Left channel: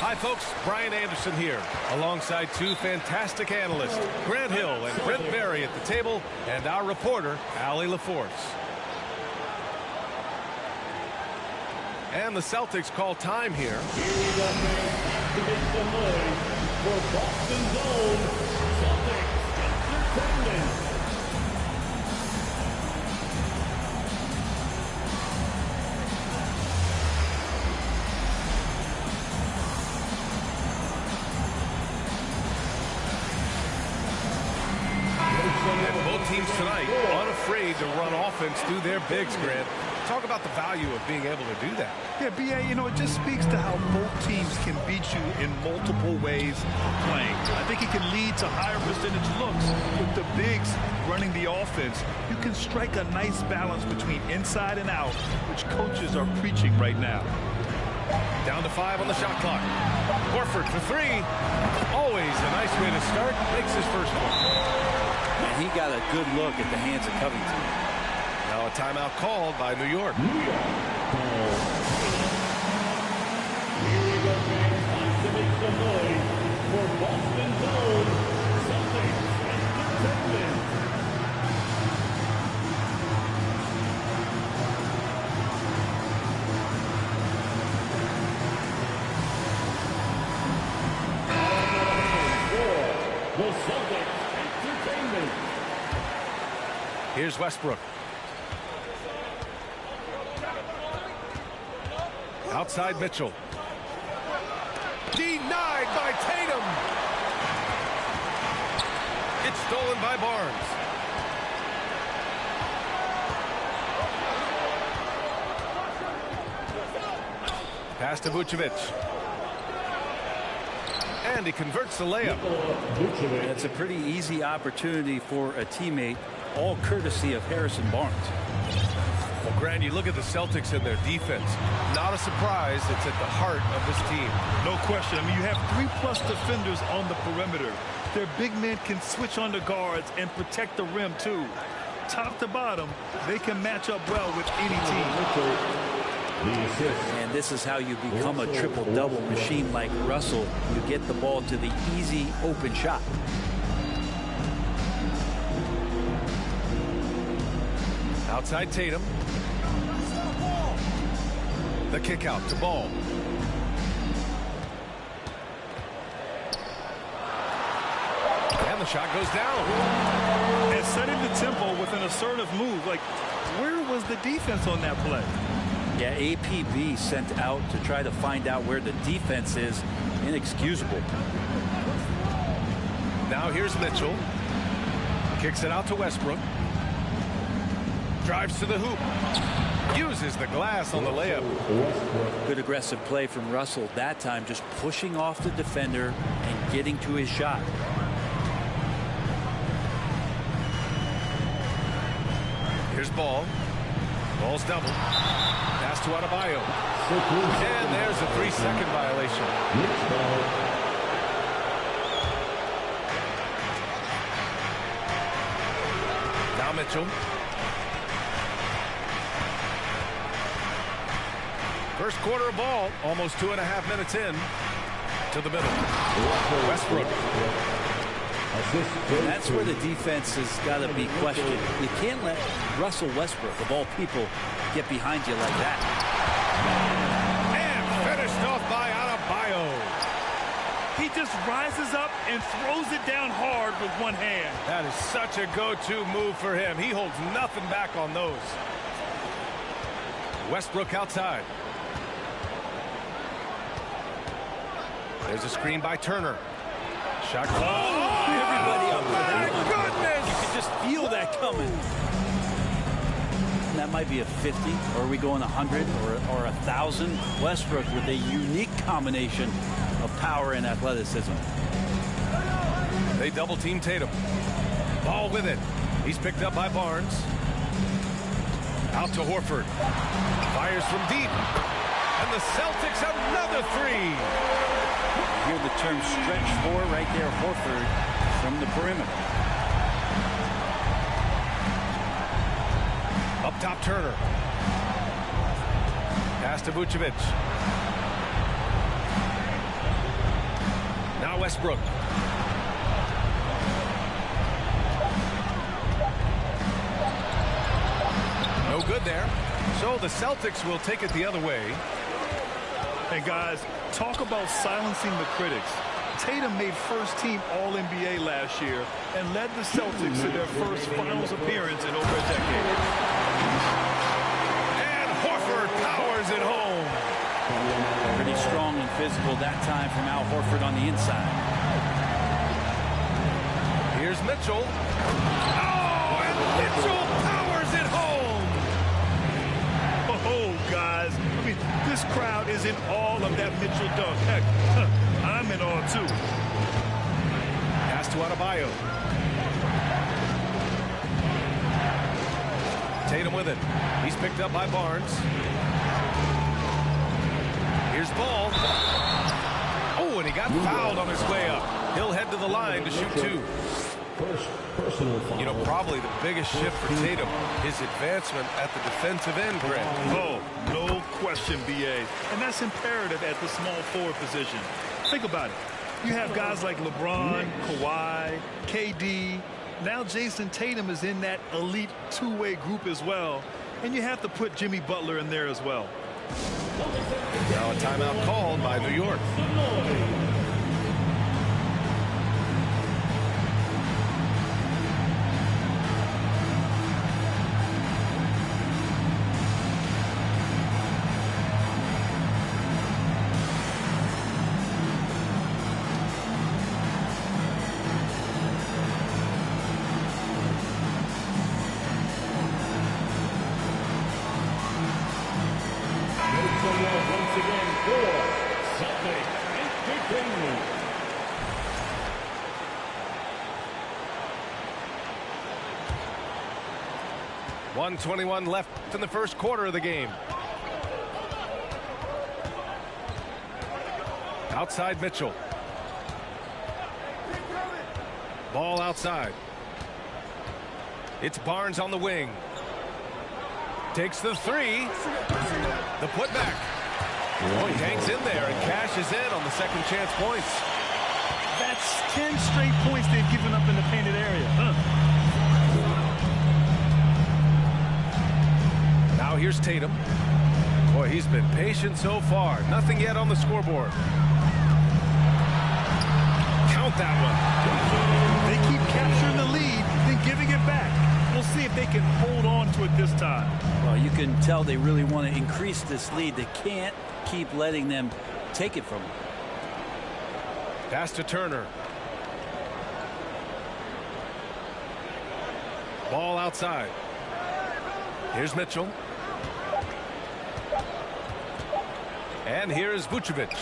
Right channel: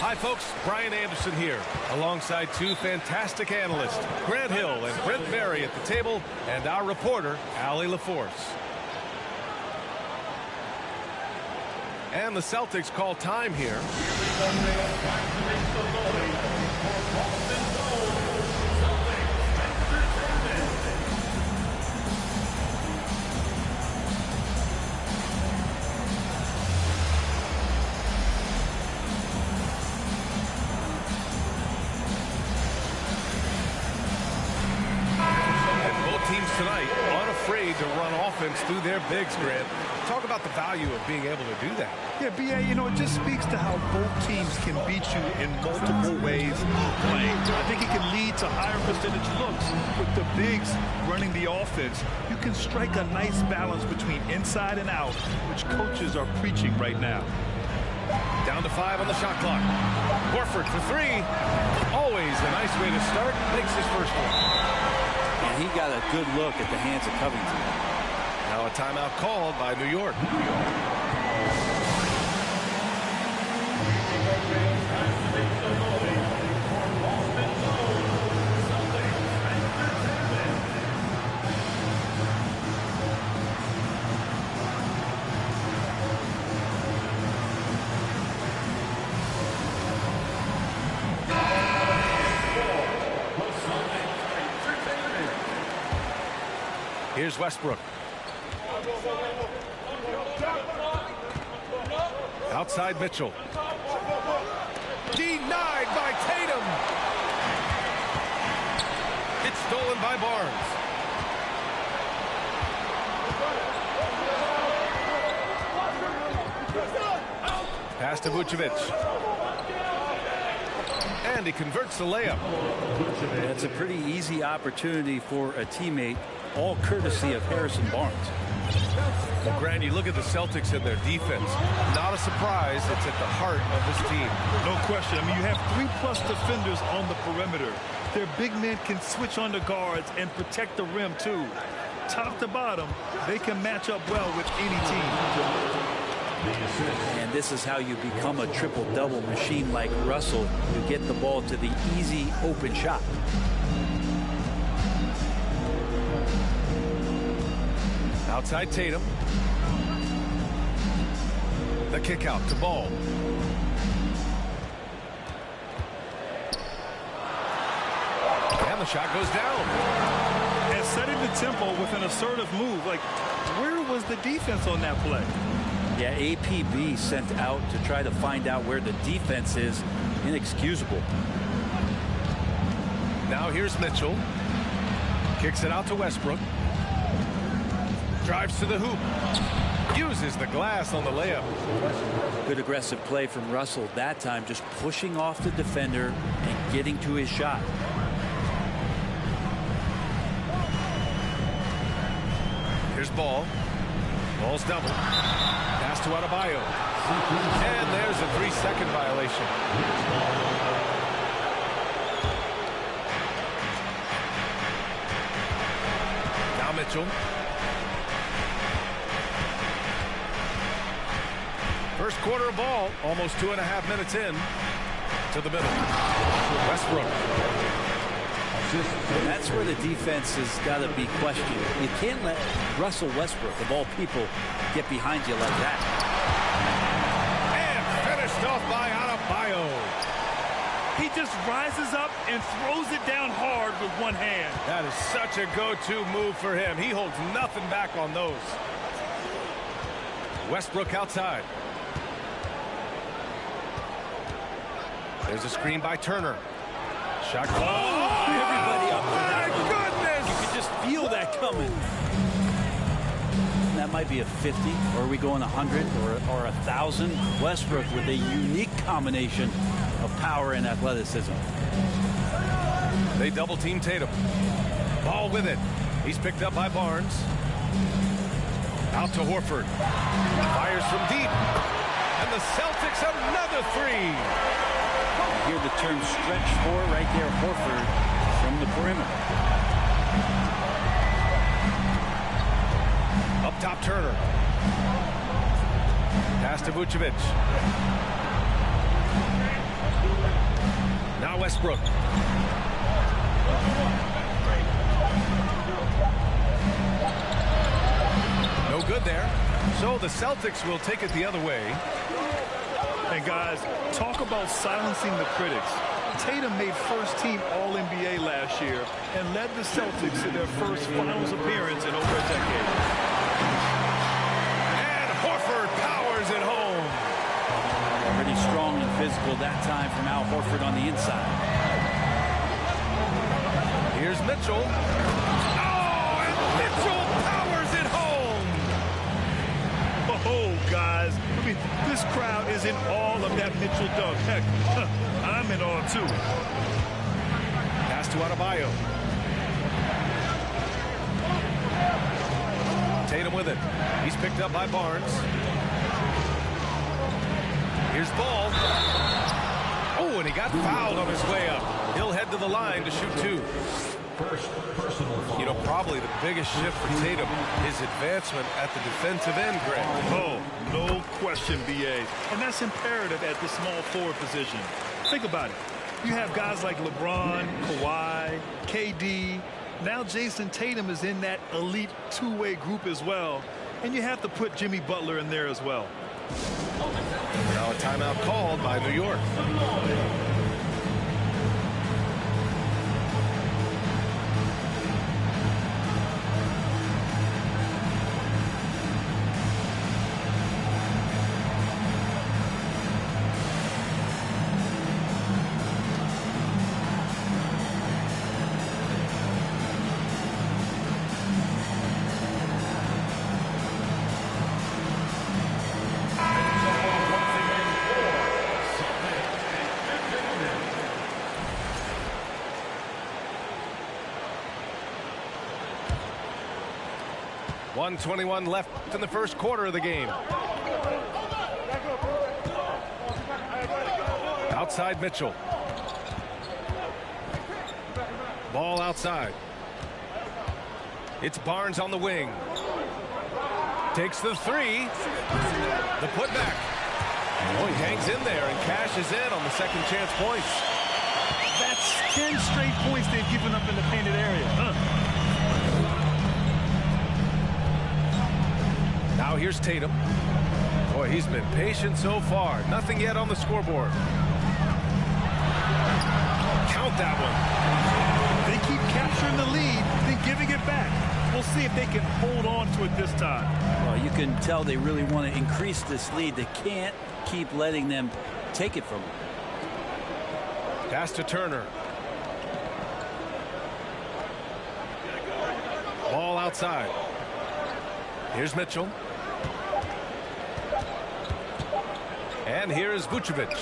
Hi, folks. Brian Anderson here, alongside two fantastic analysts, Grant Hill and Brent Berry at the table, and our reporter, Allie LaForce. And the Celtics call time here. Here we go, man. To make some noise for Boston's own Celtics Entertainment. And both teams tonight unafraid to run offense through their bigs, Grant. Talk about the value of being able to do that. Yeah, B.A., you know, it just speaks to how both teams can beat you in multiple ways of playing. I think it can lead to higher percentage looks with the bigs running the offense. You can strike a nice balance between inside and out, which coaches are preaching right now. Down to 5 on the shot clock. Horford for 3. Always a nice way to start. Makes his first one. And he got a good look at the hands of Covington. Now a timeout called by New York. Here's Westbrook. Outside Mitchell. Denied by Tatum. It's stolen by Barnes. Pass to Vucevic. And he converts the layup. That's a pretty easy opportunity for a teammate, all courtesy of Harrison Barnes. Well, Grant, you look at the Celtics and their defense. Not a surprise. It's at the heart of this team. No question. I mean, you have 3+ defenders on the perimeter. Their big men can switch on the guards and protect the rim, too. Top to bottom, they can match up well with any team. And this is how you become a triple-double machine like Russell. You get the ball to the easy open shot. Outside Tatum. The kick out to Ball. And the shot goes down. And setting the tempo with an assertive move. Like, where was the defense on that play? Yeah, APB sent out to try to find out where the defense is. Inexcusable. Now here's Mitchell. Kicks it out to Westbrook. Drives to the hoop. Uses the glass on the layup. Good aggressive play from Russell that time, just pushing off the defender and getting to his shot. Here's Ball. Ball's double. Pass to Adebayo. And there's a 3-second violation. Now Mitchell. First quarter of ball, almost 2.5 minutes in. To the middle. Westbrook. And that's where the defense has got to be questioned. You can't let Russell Westbrook, of all people, get behind you like that. And finished off by Adebayo. He just rises up and throws it down hard with one hand. That is such a go-to move for him. He holds nothing back on those. Westbrook outside. There's a screen by Turner. Shot. Oh, everybody up for that one. My goodness! You could just feel that coming. That might be a 50, or are we going 100 or 1,000? Westbrook with a unique combination of power and athleticism. They double team Tatum. Ball with it. He's picked up by Barnes. Out to Horford. Fires from deep. And the Celtics another 3. You hear the term stretch 4 right there, Horford from the perimeter. Up top, Turner. Pass to Vucevic. Now Westbrook. No good there. So the Celtics will take it the other way. And guys, talk about silencing the critics. Tatum made first-team All-NBA last year and led the Celtics to their first finals appearance in over a decade. And Horford powers it home. Pretty strong and physical that time from Al Horford on the inside. Here's Mitchell. Oh, and Mitchell powers it home. Oh, guys, I mean, this crowd is in awe of that Mitchell dunk. Heck, I'm in awe, too. Pass to Adebayo. Tatum with it. He's picked up by Barnes. Here's Ball. Oh, and he got fouled on his way up. He'll head to the line to shoot two. You know, probably the biggest shift for Tatum, his advancement at the defensive end, Grant. Oh, no question, B.A. And that's imperative at the small forward position. Think about it. You have guys like LeBron, Kawhi, KD. Now Jason Tatum is in that elite two-way group as well. And you have to put Jimmy Butler in there as well. Now a timeout called by New York. .121 left in the first quarter of the game. Outside Mitchell. Ball outside. It's Barnes on the wing. Takes the three. The putback. Oh, he hangs in there and cashes in on the second chance points. That's 10 straight points they've given up in the painted area. Now here's Tatum. Boy, he's been patient so far. Nothing yet on the scoreboard. Count that one. They keep capturing the lead, then giving it back. We'll see if they can hold on to it this time. Well, you can tell they really want to increase this lead. They can't keep letting them take it from them. Pass to Turner. Ball outside. Here's Mitchell. And here's Vucevic.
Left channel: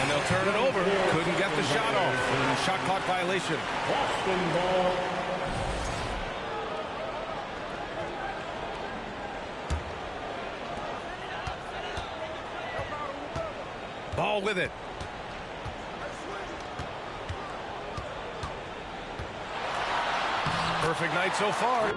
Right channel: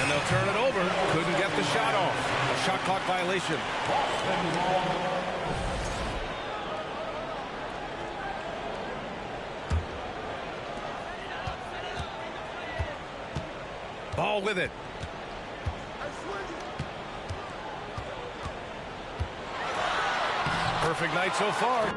And they'll turn it over. Couldn't get the shot off. A shot clock violation. Ball with it. Perfect night so far.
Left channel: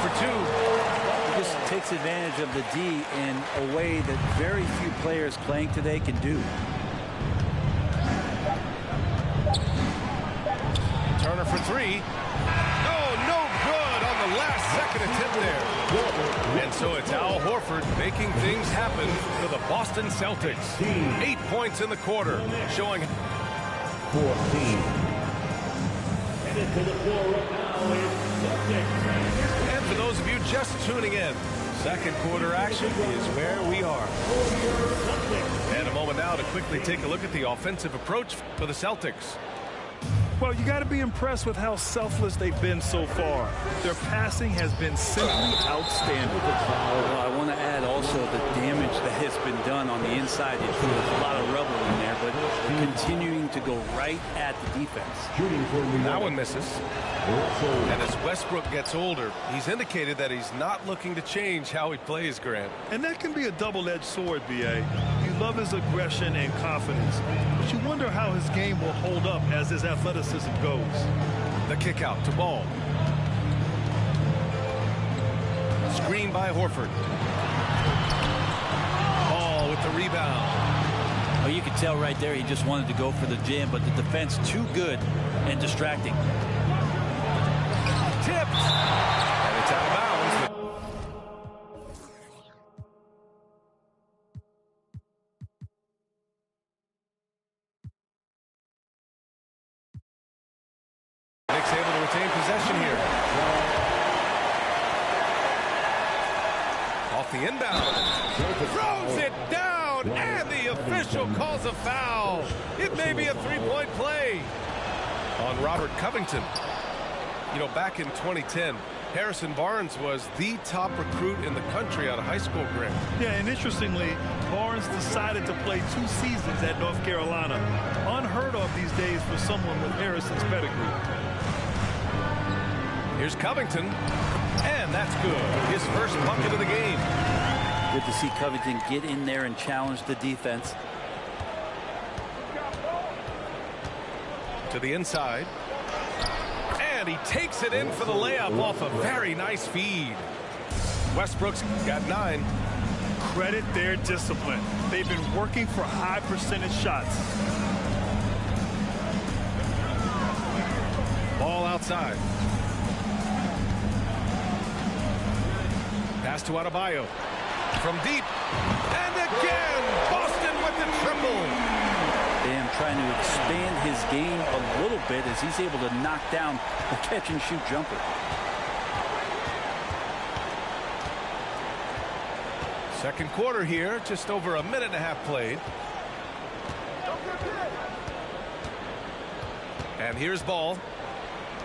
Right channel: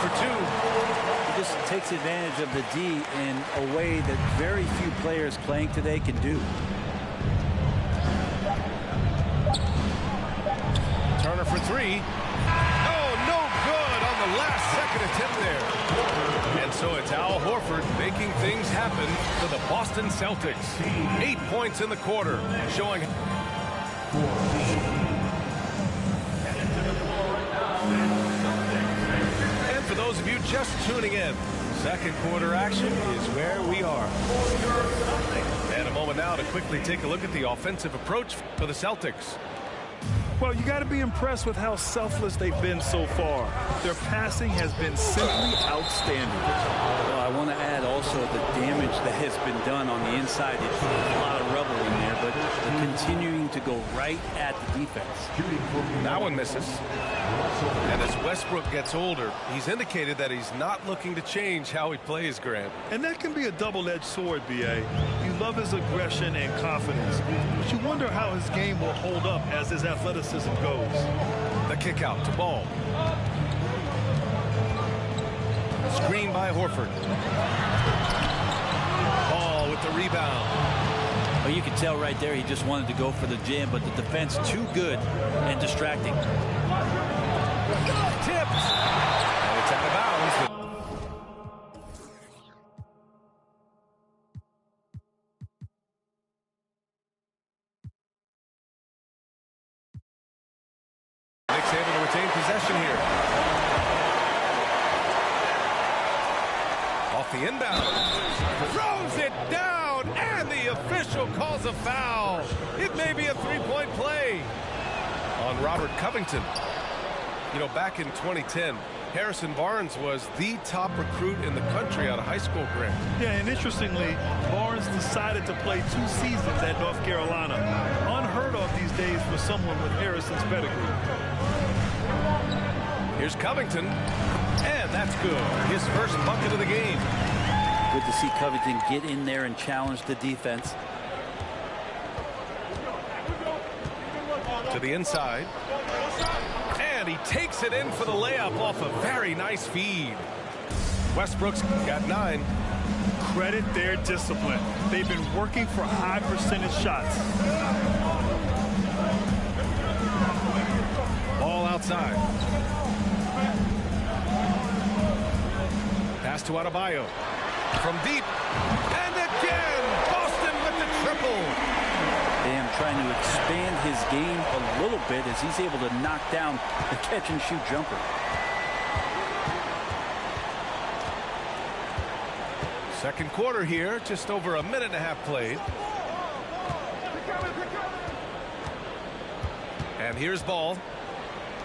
For two. He just takes advantage of the D in a way that very few players playing today can do. Turner for three. Oh, no good on the last second attempt there. And so it's Al Horford making things happen for the Boston Celtics. 8 points in the quarter, showing. 14. And into the floor right now is For those of you just tuning in, second quarter action is where we are. And a moment now to quickly take a look at the offensive approach for the Celtics. Well, you got to be impressed with how selfless they've been so far. Their passing has been simply outstanding. Well, I want to add also the damage that has been done on the inside. There's a lot of rubble in there, but they're continuing to go right at the defense. That one misses. And as Westbrook gets older, he's indicated that he's not looking to change how he plays, Grant. And that can be a double-edged sword, B.A. You love his aggression and confidence, but you wonder how his game will hold up as his athleticism goes. The kick out to Ball. Screen by Horford. Ball with the rebound. Well, you could tell right there he just wanted to go for the jam, but the defense too good and distracting. Tipped. And it's out of bounds. Knicks able to retain possession here. Off the inbound. Throws it down, and the official calls a foul. It may be a three-point play on Robert Covington. You know, back in 2010, Harrison Barnes was the top recruit in the country out of high school, Grant. Yeah, and interestingly, Barnes decided to play 2 seasons at North Carolina. Unheard of these days for someone with Harrison's pedigree. Here's Covington, and that's good. His first bucket of the game. Good to see Covington get in there and challenge the defense. To the inside. And he takes it in for the layup off a very nice feed. Westbrook's got 9. Credit their discipline. They've been working for high percentage shots. Ball outside. Pass to Adebayo. From deep. And again, Boston with the triple. Bam trying to expand his game a little bit as he's able to knock down the catch-and-shoot jumper. Second quarter here, just over a minute and a half played. And here's Ball.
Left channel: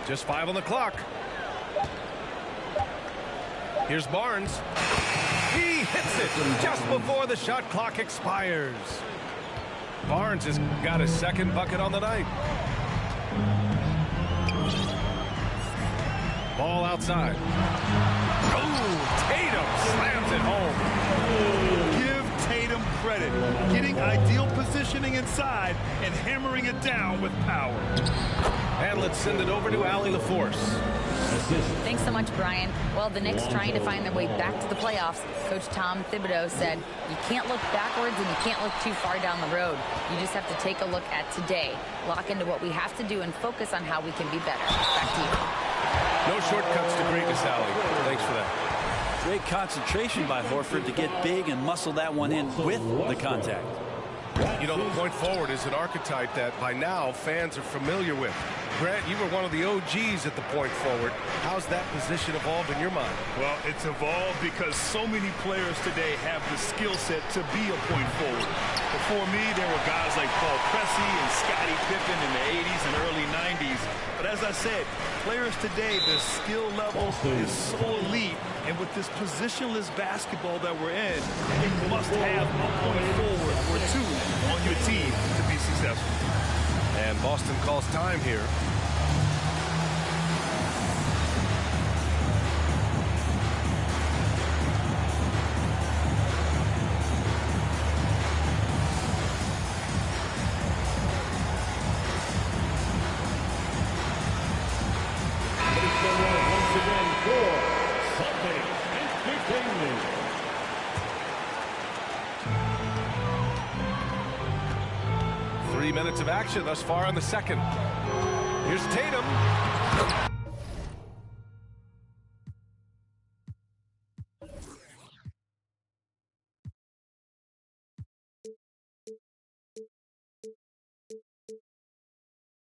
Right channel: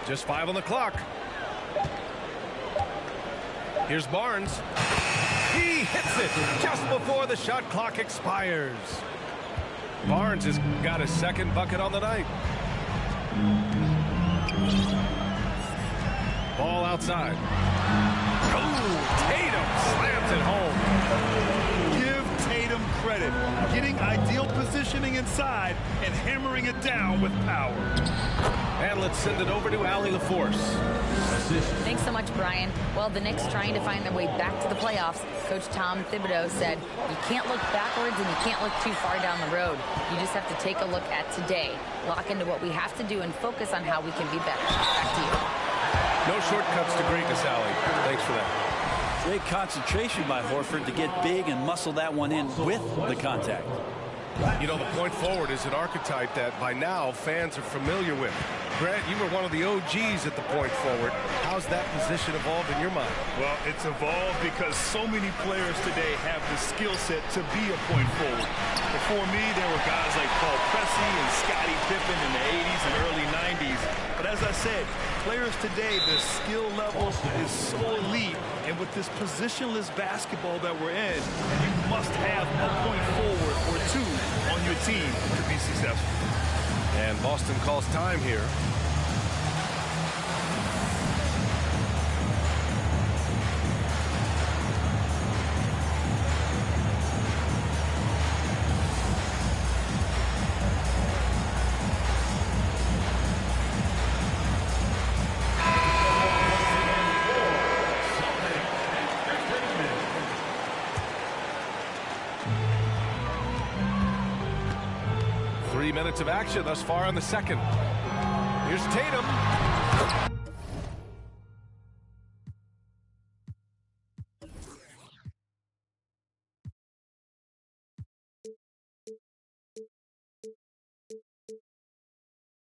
Just 5 on the clock. Here's Barnes. He hits it just before the shot clock expires. Barnes has got his second bucket on the night. Ball outside. Oh, Tatum slams it home. Give Tatum credit. Getting ideal positioning inside and hammering it down with power. And let's send it over to Allie LaForce. Thanks so much, Brian. Well, the Knicks trying to find their way back to the playoffs. Coach Tom Thibodeau said, you can't look backwards and you can't look too far down the road. You just have to take a look at today, lock into what we have to do, and focus on how we can be better. Back to you. No shortcuts to greatness, Allie. Thanks for that. Great concentration by Horford to get big and muscle that one in with the contact. You know, the point forward is an archetype that by now fans are familiar with. Grant, you were one of the OGs at the point forward. How's that position evolved in your mind? Well, it's evolved because so many players today have the skill set to be a point forward. Before me, there were guys like Paul Pressey and Scottie Pippen in the 80s and early 90s. But as I said, players today, their skill level is so elite. And with this positionless basketball that we're in, you must have a point forward or 2 on your team to be successful. And Boston calls time here. Minutes of action thus far in the second. Here's Tatum.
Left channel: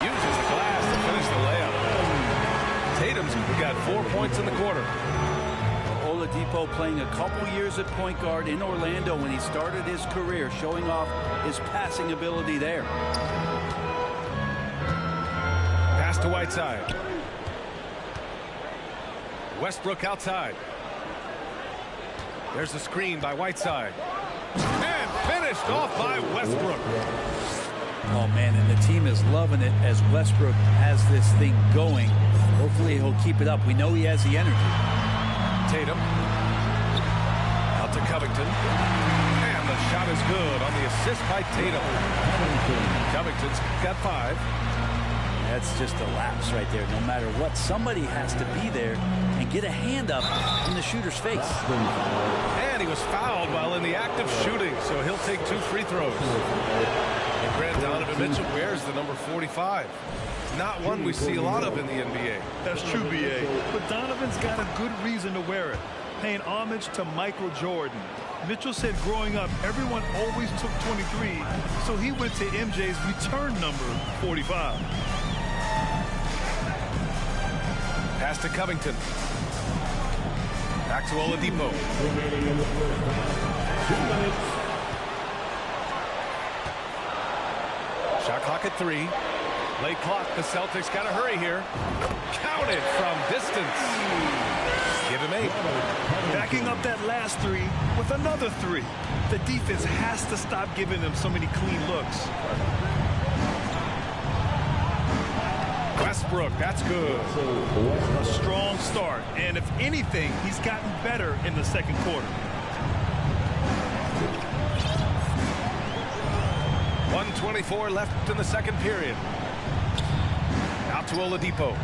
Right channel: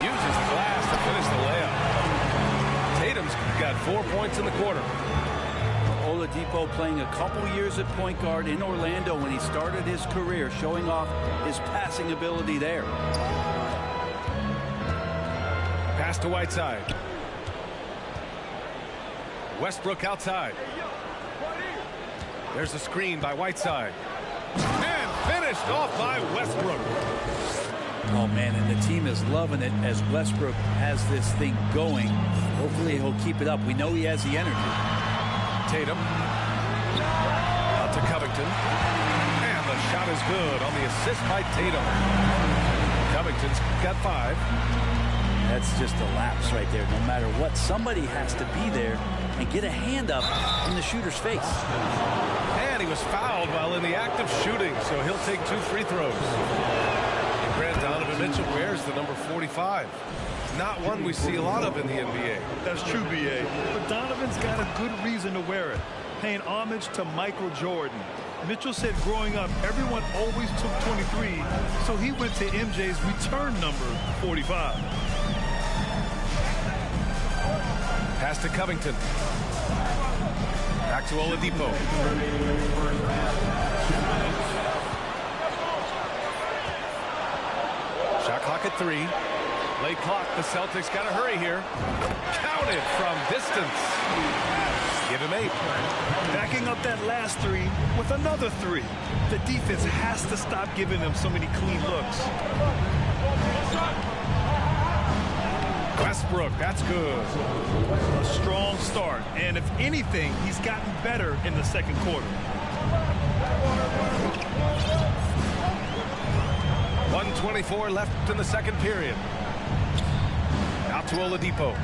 Uses the glass to finish the layup. Tatum's got 4 points in the quarter. Oladipo playing a couple years at point guard in Orlando when he started his career, showing off his passing ability there. Pass to Whiteside. Westbrook outside. There's a screen by Whiteside. And finished off by Westbrook. Oh, man, and the team is loving it as Westbrook has this thing going. Hopefully he'll keep it up. We know he has the energy. Tatum. Out to Covington. And the shot is good on the assist by Tatum. Covington's got 5. That's just a lapse right there. No matter what, somebody has to be there and get a hand up in the shooter's face. And he was fouled while in the act of shooting, so he'll take 2 free throws. And Grant Donovan Mitchell wears the number 45. Not one we see a lot of in the NBA. That's true, B.A. But Donovan's got a good reason to wear it, paying homage to Michael Jordan. Mitchell said growing up, everyone always took 23, so he went to MJ's return number 45. Pass to Covington. Back to Oladipo. Shot clock at 3. Late clock. The Celtics got to hurry here. Counted from distance. Give him 8. Backing up that last 3 with another 3. The defense has to stop giving them so many clean looks. Westbrook, that's good. A strong start, and if anything, he's gotten better in the second quarter. 1:24 left in the second period. Out to Oladipo.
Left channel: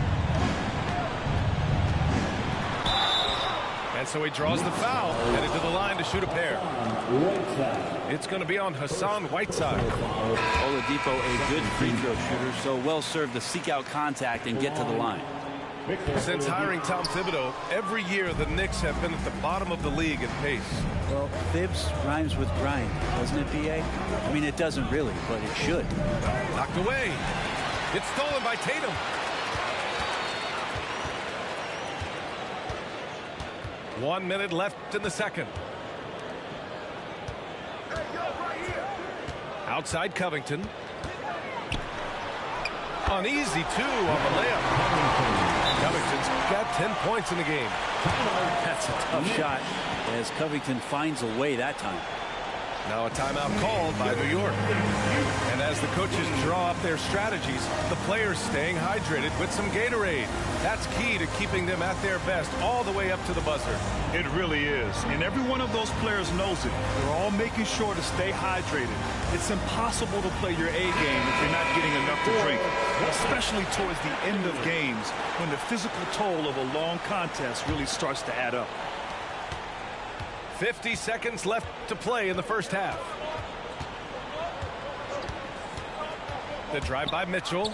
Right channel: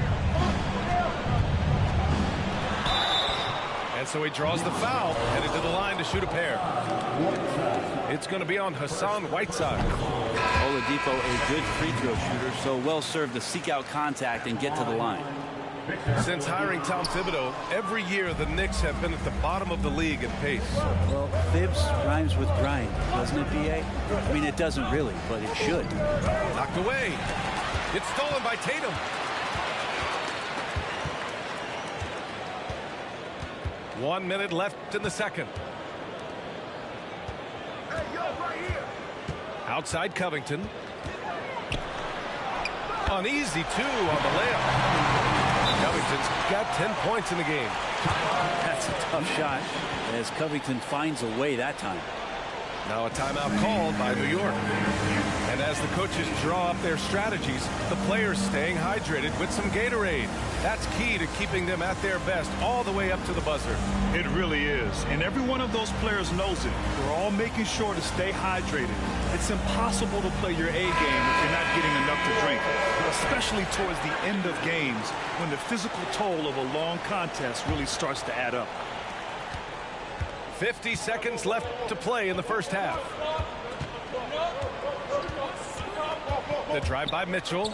And so he draws the foul, headed to the line to shoot a pair. It's going to be on Hassan Whiteside. Oladipo, a good free throw shooter, so well served to seek out contact and get to the line. Since hiring Tom Thibodeau, every year the Knicks have been at the bottom of the league in pace. Well, Thibs rhymes with grind, doesn't it, B.A.? I mean, it doesn't really, but it should. Knocked away. It's stolen by Tatum. One minute left in the second. Outside Covington. An easy 2 on the layup. Covington's got 10 points in the game. That's a tough shot as Covington finds a way that time. Now a timeout called by New York. And as the coaches draw up their strategies, the players staying hydrated with some Gatorade. That's key to keeping them at their best all the way up to the buzzer. It really is. And every one of those players knows it. They're all making sure to stay hydrated. It's impossible to play your A game if you're not getting enough to drink, especially towards the end of games when the physical toll of a long contest really starts to add up. 50 seconds left to play in the first half. The drive by Mitchell.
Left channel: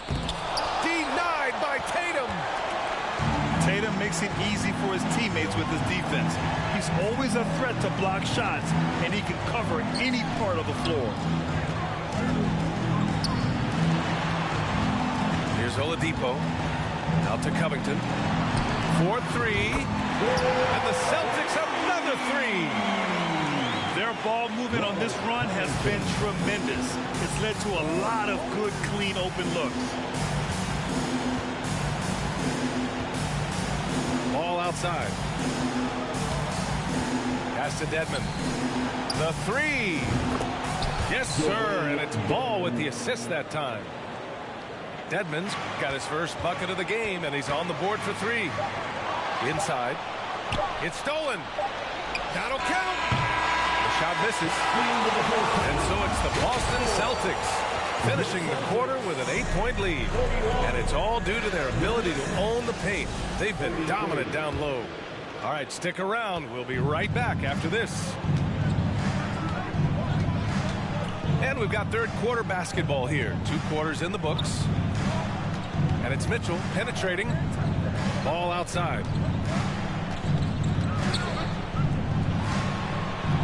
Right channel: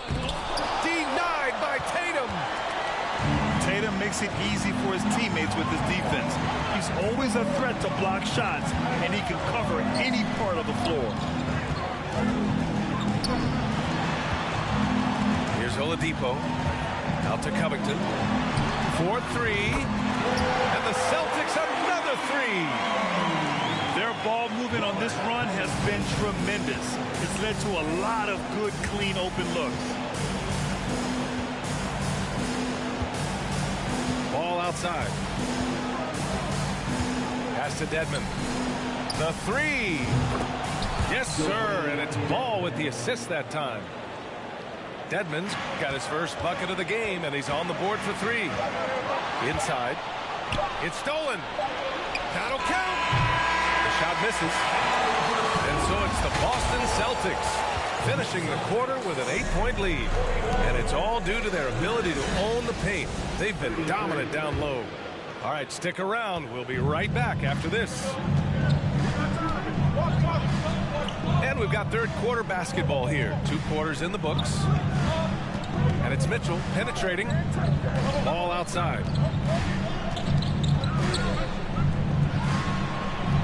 Denied by Tatum. Tatum makes it easy for his teammates with his defense. He's always a threat to block shots, and he can cover any part of the floor. Here's Oladipo. Out to Covington. 4-3. And the Celtics another 3. Their ball movement on this run has been tremendous. It's led to a lot of good, clean, open looks. Ball outside. Pass to Dedmon. The 3. Yes, sir. And it's Ball with the assist that time. Dedmon's got his first bucket of the game, and he's on the board for 3. Inside. It's stolen. That'll count. The shot misses. And so it's the Boston Celtics finishing the quarter with an 8-point lead. And it's all due to their ability to own the paint. They've been dominant down low. All right, stick around. We'll be right back after this. And we've got third quarter basketball here. 2 quarters in the books. And it's Mitchell penetrating. Ball outside.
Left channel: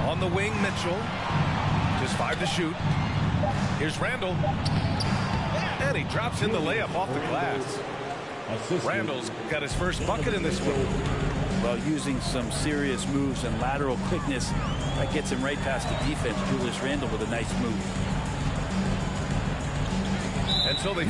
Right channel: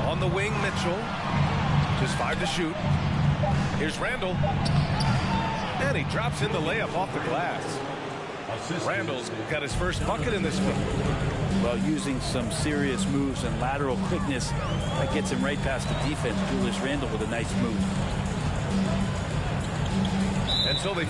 On the wing, Mitchell. Just 5 to shoot. Here's Randall. And he drops in the layup off the glass. Randall's got his first bucket in this one. Well, using some serious moves and lateral quickness, that gets him right past the defense. Julius Randle with a nice move. And so they...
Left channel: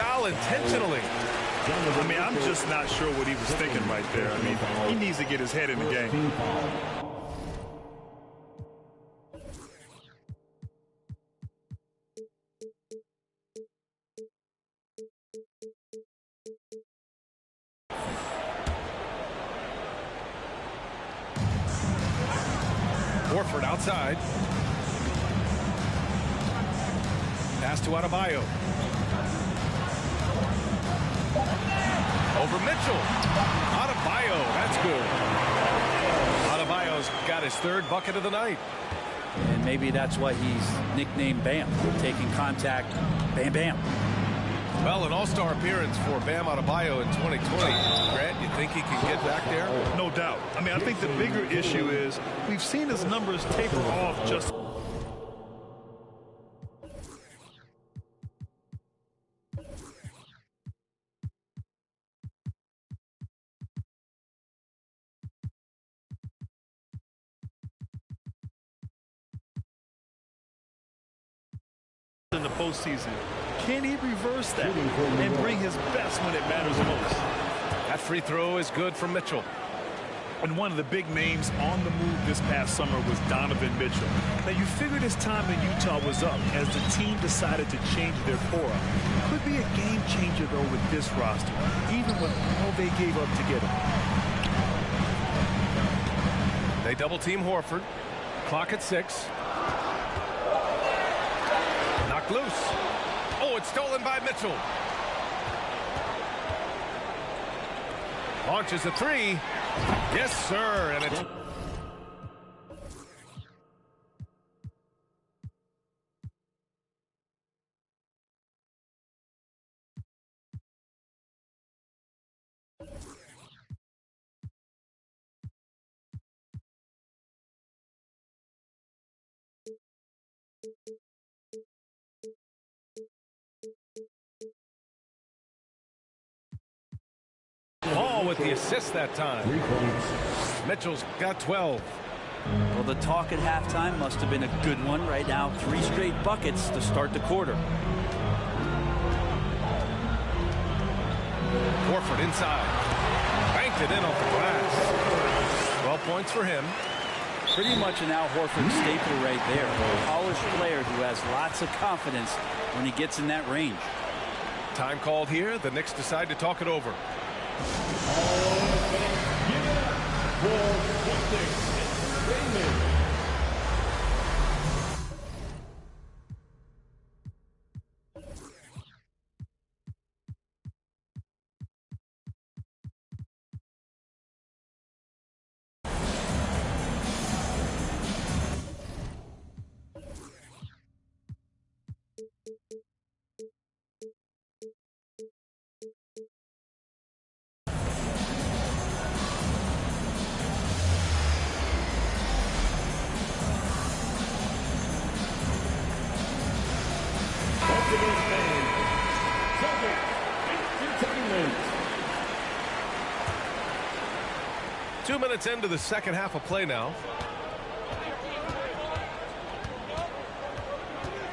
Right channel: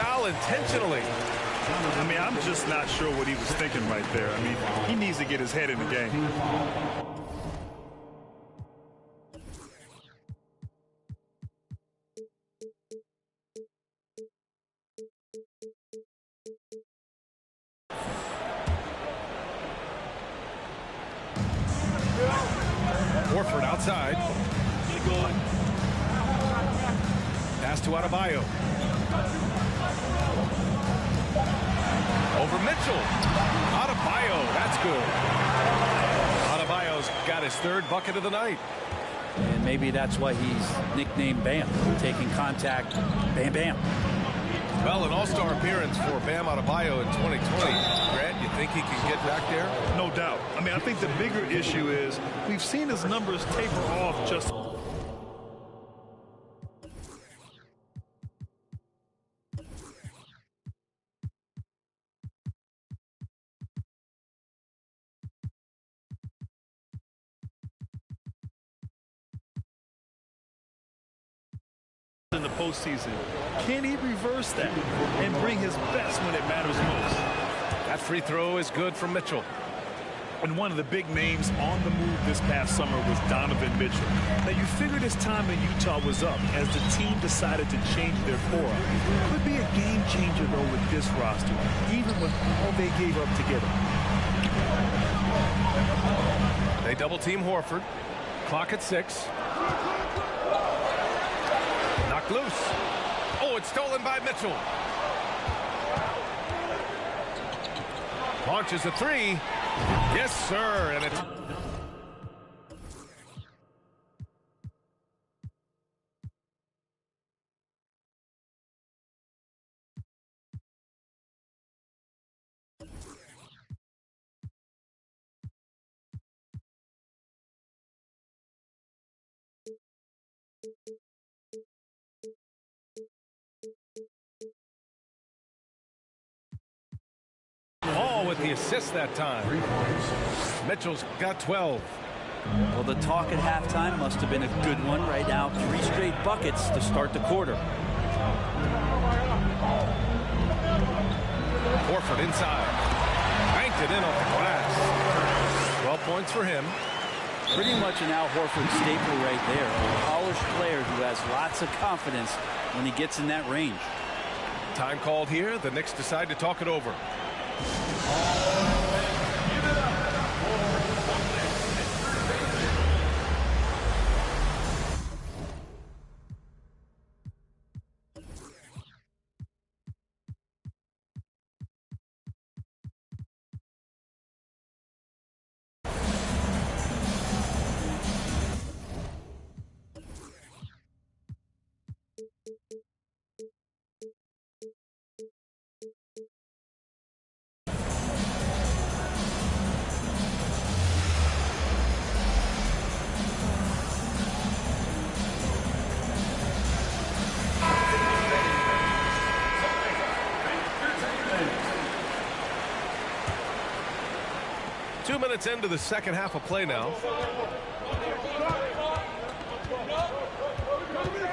Foul intentionally. I mean, I'm just not sure what he was thinking right there. I mean, he needs to get his head in the game. Horford outside. Pass to Adebayo. Over Mitchell. Adebayo, that's good. Adebayo's got his third bucket of the night. And maybe that's why he's nicknamed Bam. Taking contact, bam, bam. Well, an all-star appearance for Bam Adebayo in 2020. Grant, you think he can get back there? No doubt. I mean, I think the bigger issue is we've seen his numbers taper off just in the postseason. Can he reverse that and bring his best when it matters most? That free throw is good from Mitchell. And one of the big names on the move this past summer was Donovan Mitchell. Now, you figured his time in Utah was up as the team decided to change their fora. Could be a game changer, though, with this roster, even with all they gave up to get him. They double-team Horford. Clock at 6. Knocked loose. Oh, it's stolen by Mitchell. Launches a 3. Yes, sir. And it's Ball with the assist that time. Mitchell's got 12. Well, the talk at halftime must have been a good one. Right now, 3 straight buckets to start the quarter. Horford inside. Banked it in off the glass. 12 points for him. Pretty much an Al Horford staple right there. A polished player who has lots of confidence when he gets in that range. Time called here. The Knicks decide to talk it over. Two minutes into the second half of play now.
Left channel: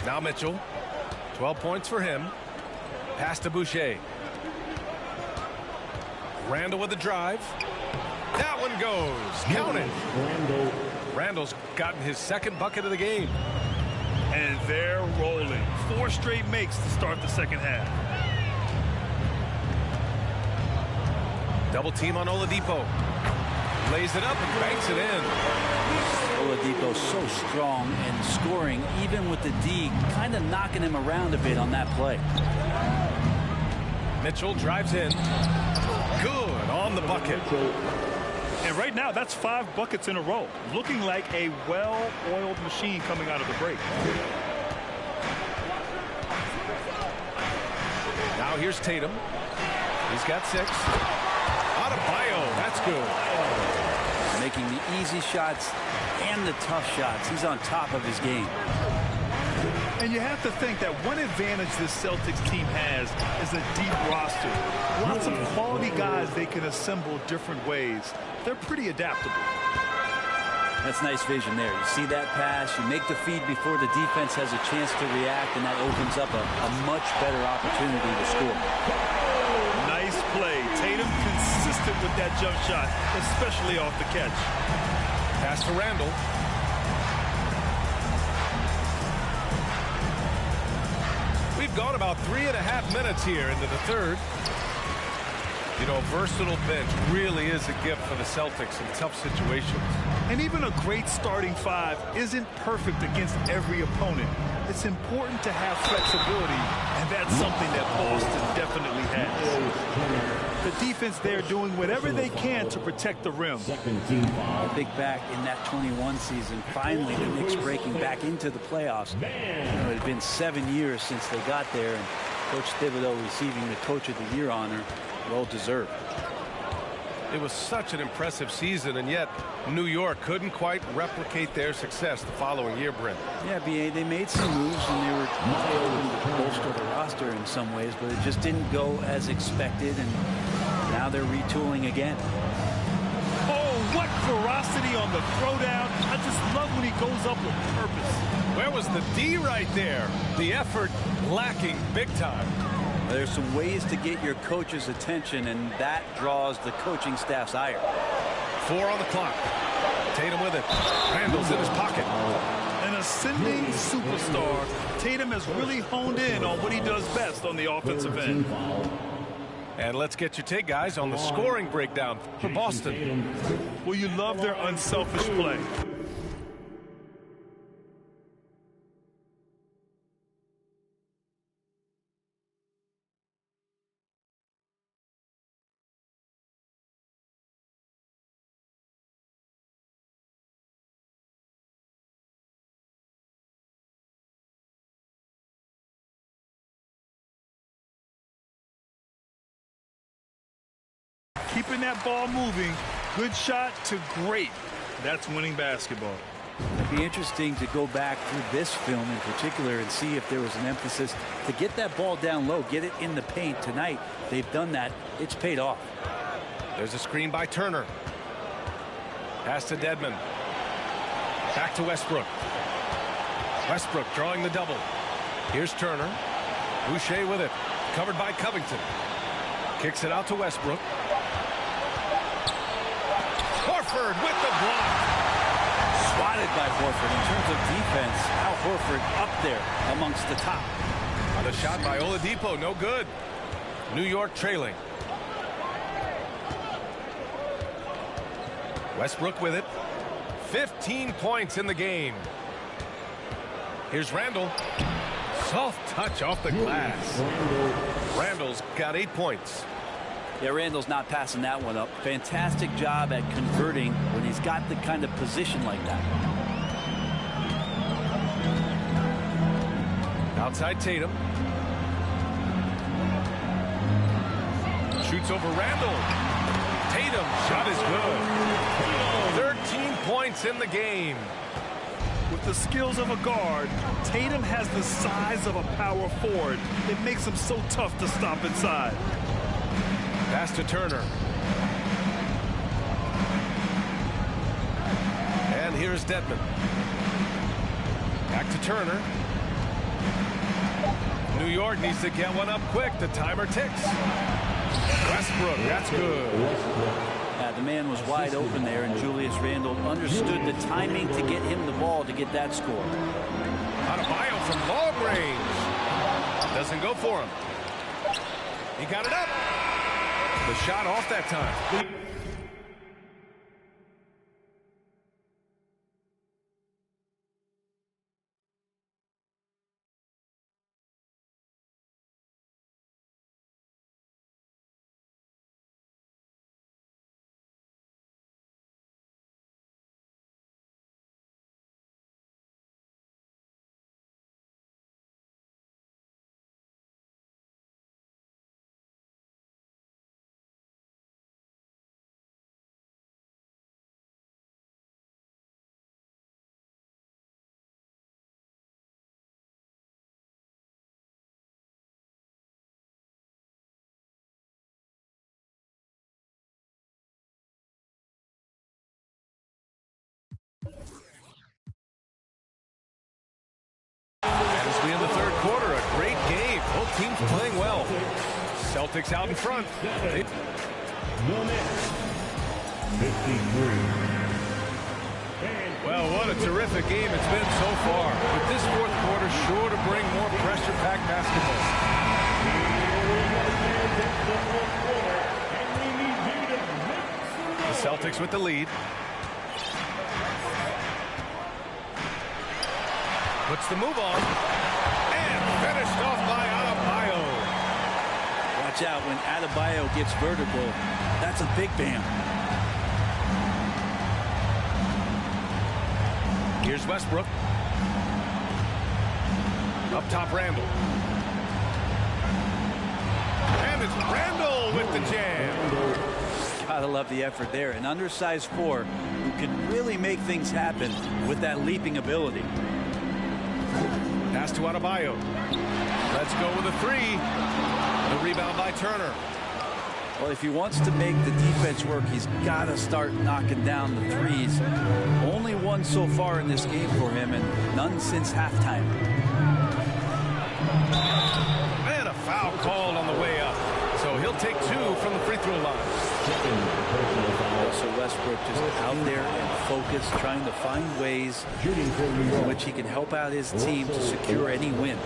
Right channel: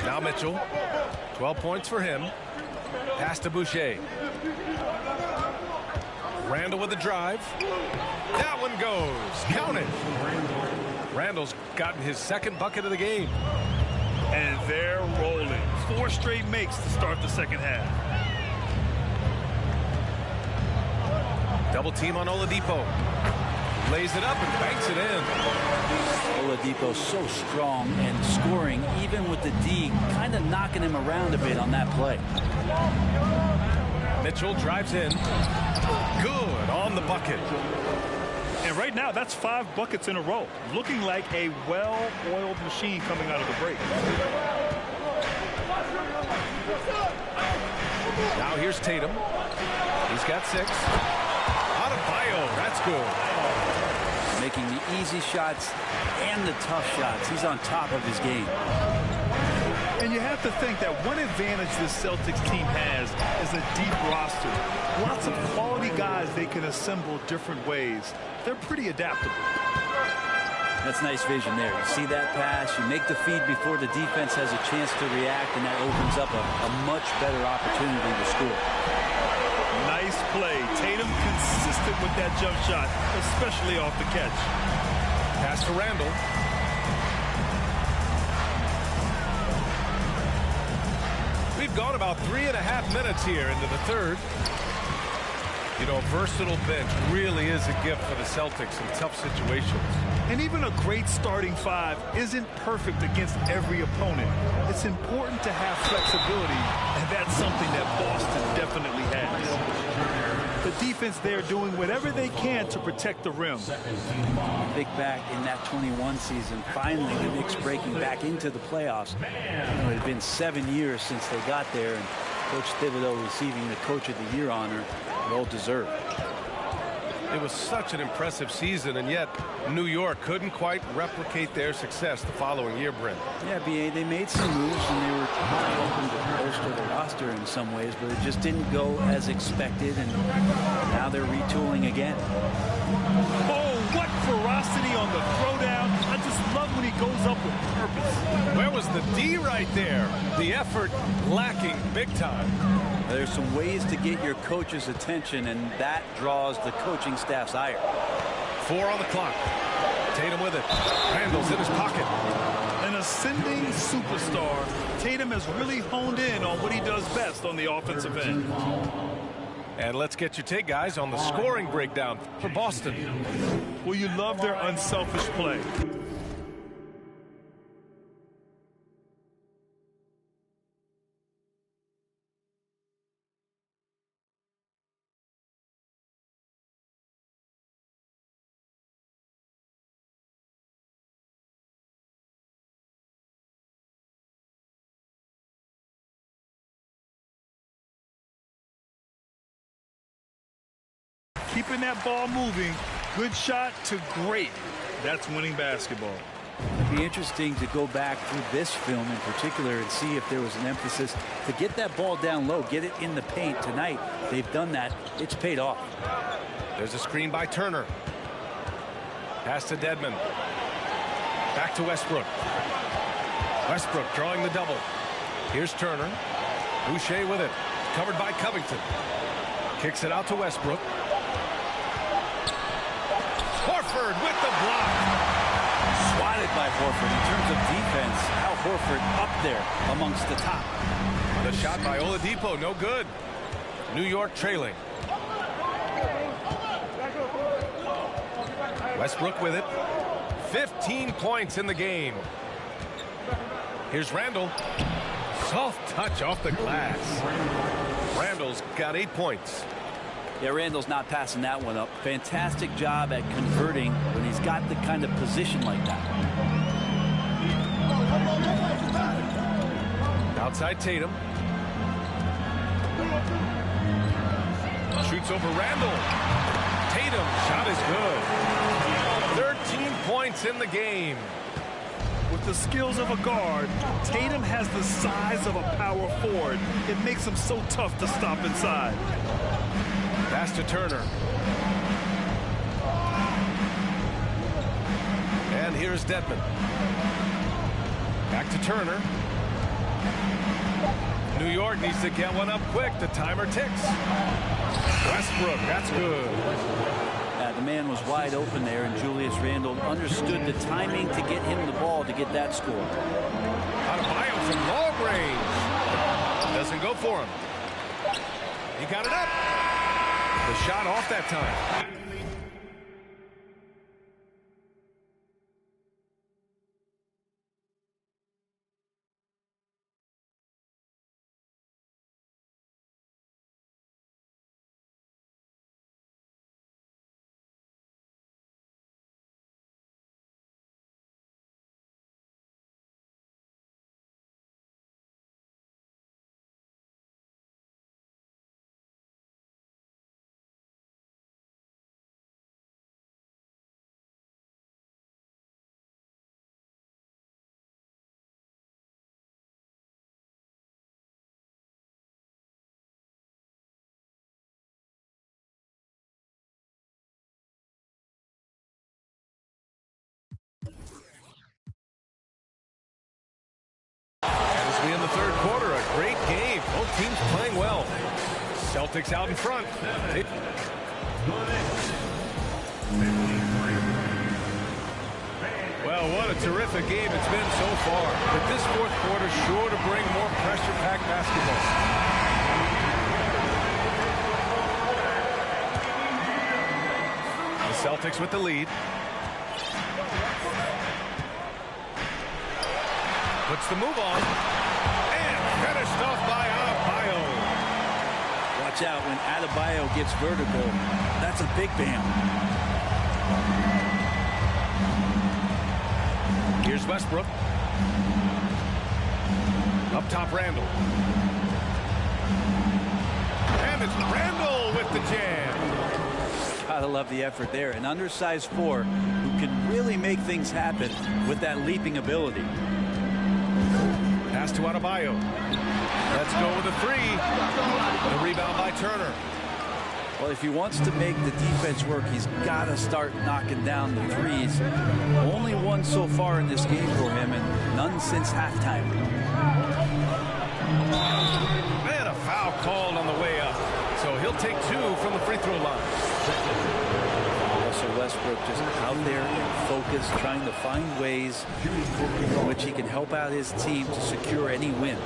Now Mitchell. 12 points for him. Pass to Boucher. Randall with the drive. That one goes. Count it. Randall's gotten his second bucket of the game. And they're rolling. 4 straight makes to start the second half. Double team on Oladipo. Lays it up and banks it in. Oladipo so strong and scoring even with the D, kind of knocking him around a bit on that play. Mitchell drives in. Good on the bucket. And right now, that's 5 buckets in a row. Looking like a well-oiled machine coming out of the break. Now here's Tatum. He's got 6. Adebayo, that's good. Making the easy shots and the tough shots. He's on top of his game. And you have to think that one advantage this Celtics team has is a deep roster. Lots of quality guys they can assemble different ways. They're pretty adaptable. That's nice vision there. You see that pass, you make the feed before the defense has a chance to react, and that opens up a much better opportunity to score. Nice play. Tatum consistent with that jump shot, especially off the catch. Pass to Randall. We've gone about 3.5 minutes here into the third. You know, a versatile bench really is a gift for the Celtics in tough situations. And even a great starting five isn't perfect against every opponent. It's important to have flexibility, and that's something that Boston definitely has. The defense there doing whatever they can to protect the rim. I think back in that 21 season, finally the Knicks breaking back into the playoffs. You know, it had been 7 years since they got there, and Coach Thibodeau receiving the Coach of the Year honor. Well deserved. It was such an impressive season, and yet New York couldn't quite replicate their success the following year, Brent. Yeah, B.A., they made some moves, and they were really open to bolster the roster in some ways, but it just didn't go as expected, and now they're retooling again. Oh, what ferocity on the throwdown. I just love when he goes up with purpose. Where was the D right there? The effort lacking big time. There's some ways to get your coach's attention, and that draws the coaching staff's ire. 4 on the clock. Tatum with it. Randall's in his pocket. An ascending superstar, Tatum has really honed in on what he does best on the offensive end. And let's get your take, guys, on the scoring breakdown for Boston. Well, you love their unselfish play. Keeping that ball moving, good shot to great. That's winning basketball. It'd be interesting to go back through this film in particular and see if there was an emphasis to get that ball down low, get it in the paint. Tonight, they've done that. It's paid off. There's a screen by Turner. Pass to Dedmon. Back to Westbrook. Westbrook drawing the double. Here's Turner. Boucher with it. Covered by Covington. Kicks it out to Westbrook. Horford with the block. Swatted by Horford. In terms of defense, Al Horford up there amongst the top. The shot by Oladipo, no good. New York trailing. Westbrook with it. 15 points in the game. Here's Randall. Soft touch off the glass. Randall's got 8 points. Yeah, Randall's not passing that one up. Fantastic job at converting when he's got the kind of position like that. Outside Tatum. Shoots over Randall. Tatum shot is good. 13 points in the game. With the skills of a guard, Tatum has the size of a power forward. It makes him so tough to stop inside. Pass to Turner. And here's Dedmon. Back to Turner. New York needs to get one up quick. The timer ticks. Westbrook, that's good. The man was wide open there, and Julius Randle understood the timing to get him the ball to get that score. Adebayo from long range. Doesn't go for him. He got it up. The shot off that time. As we end the third quarter, a great game. Both teams playing well. Celtics out in front. Well, what a terrific game it's been so far. With this fourth quarter sure to bring more pressure-packed basketball. The Celtics with the lead. Puts the move on. And finished off by Adebayo. Watch out when Adebayo gets vertical. That's a big bam. Here's Westbrook. Up top, Randall. And it's Randall with the jam. Gotta love the effort there. An undersized four who can really make things happen with that leaping ability. Pass to Adebayo. Let's go with a three. The rebound by Turner. Well, if he wants to make the defense work, he's got to start knocking down the threes. Only one so far in this game for him, and none since halftime. And a foul called on the way up. So he'll take two from the free throw line. Russell Westbrook just out there and focused, trying to find ways in which he can help out his team to secure any win.